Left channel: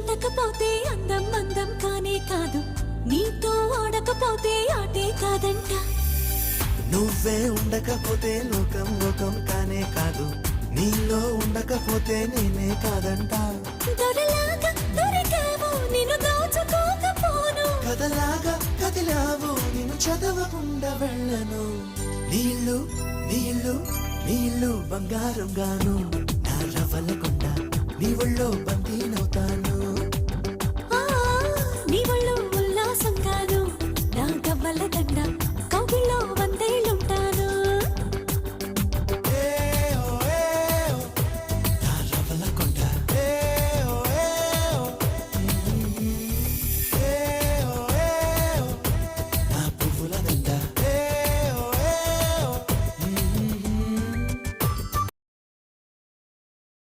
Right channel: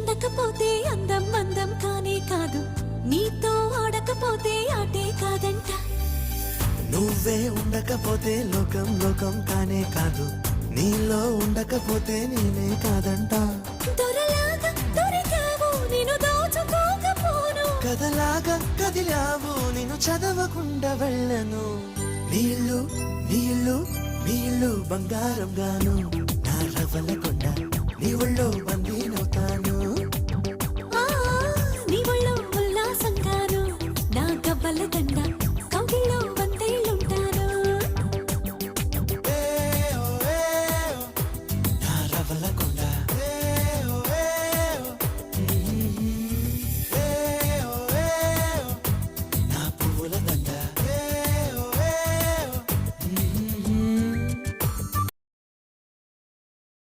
అందకపోతే అందం అందం కానే కాదు, నీతో ఆడకపోతే ఆటే కాదంట. నువ్వే ఉండకపోతే లోకం లోకం కానే కాదు, నీలో ఉండకపోతే నేనే కాదంట. దొరలాగా దొరికావు నిన్ను దోచుకోకపోను, కథలాగా కదిలావు నిన్ను చదవకుండా వెళ్ళను. నీళ్ళు నీళ్ళు నీళ్ళు బంగారం గాను, నా రవ్వల కొండ నీ ఒళ్ళో